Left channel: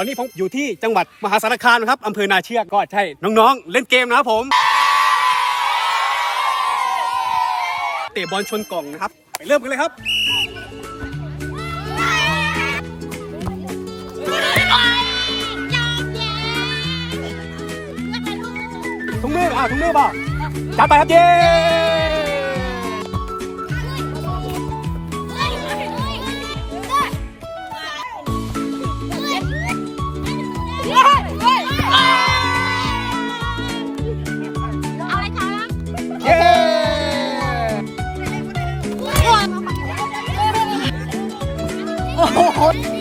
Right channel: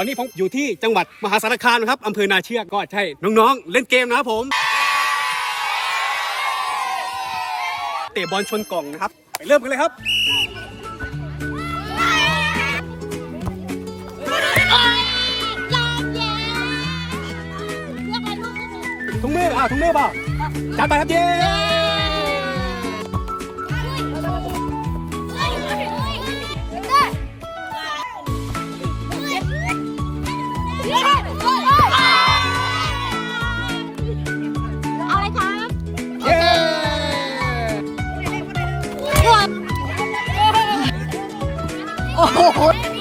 ตอนนี้ผมอยู่ที่จังหวัดมหาสารคามนะครับอำเภอนาเชือกก็ใช่น้องๆ เล่นเกมนะครับผม เตะบอลชนกล่องนะครับ ไปเริ่มกันเลยครับถุงมืออ่าถุงมือเปล่าจัดไปครับเย้ Horror!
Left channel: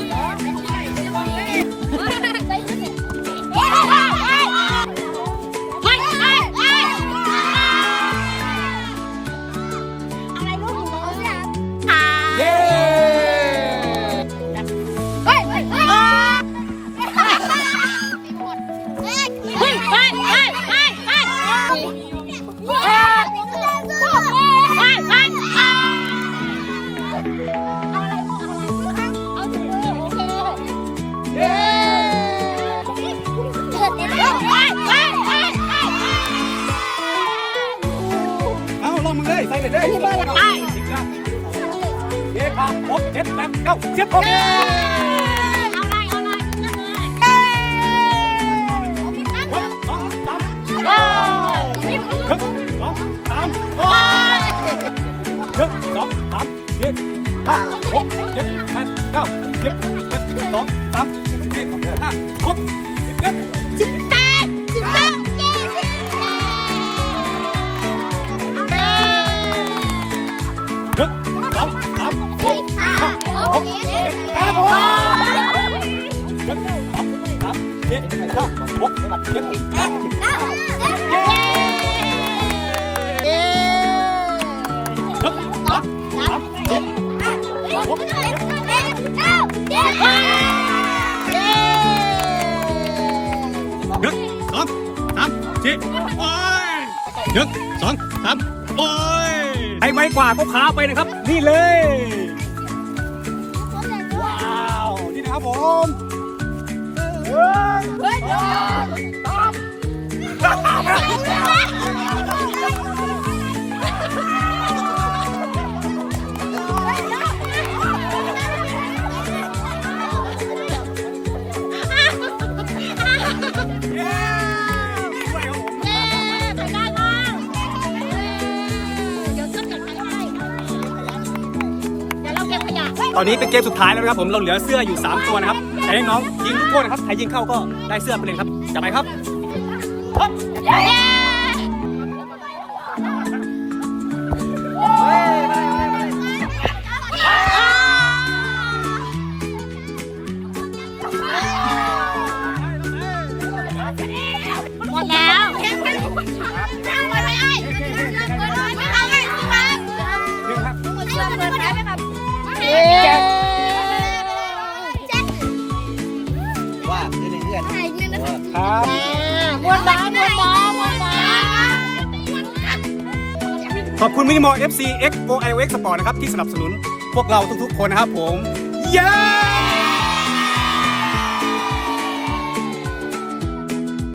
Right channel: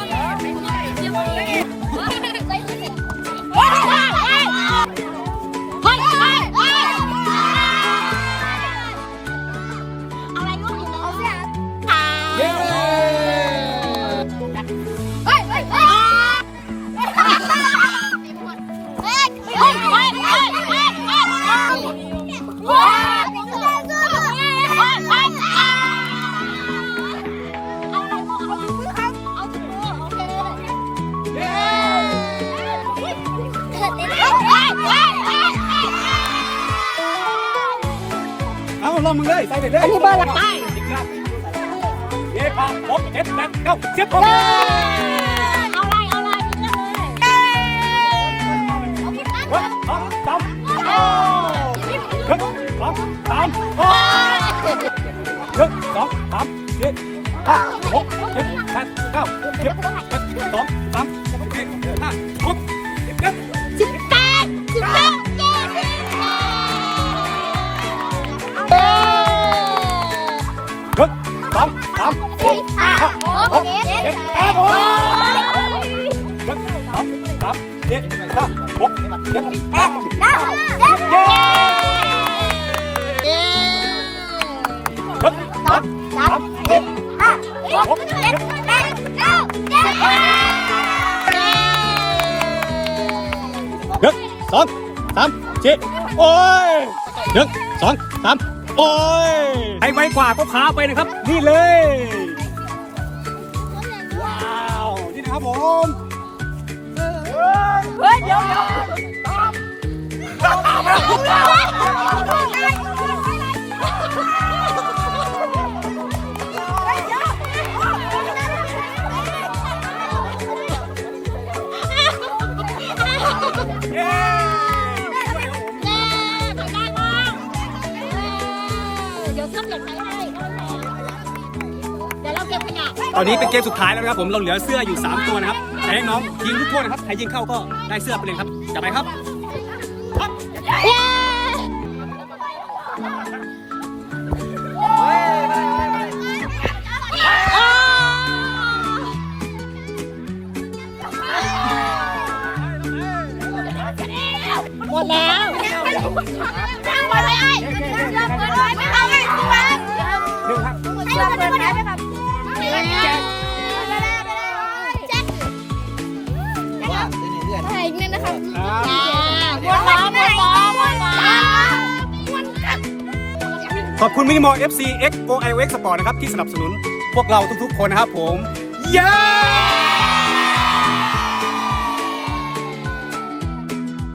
ลองมึงเลยใส่ไปเลยอันนี้เบอร์อะไรสิบครับเย้ครับครบเจ็ดแปดเก้าสิบครบเอาอะไรเอาอะไรเลือกเลยหนึ่งสองสามหนึ่งสองสามโอ้ยหนึ่งสองสามสี่ห้าหกเจ็ดแปดเก้าสิบเอ็ดสองสามสี่ห้าหกสิบเอ็ด นึ่งสองสามสี่ห้าหกเจ็ดแปดโอ้ยหนึ่งสองสามสี่ห้าหกเจ็ดแปดเก้าเย้เย้หนึ่งสองสามสี่ห้าหกเจ็ดแปดเก้าเจ็ดหนึ่งสองสามสี่โอ้ยหนึ่งสองสามโอ้ย ใครไวกว่าก็พาไปนะครับ นี่เลย ว้าว นี่นะครับผม ตอนนี้เป็นเกมสุดท้ายแล้วนะครับผมเราเหลือเสื้ออยู่ 3 ตัวนะครับแต่ให้น้องยิงทุกคนนะครับใครยิงเข้าก็ได้เสื้อไปเลยครับจับไปครับ ขอบคุณมินิมอล FC X O I O X Sport นะครับ ที่สนับสนุนพวกเราทุกๆคนนะครับผม เย้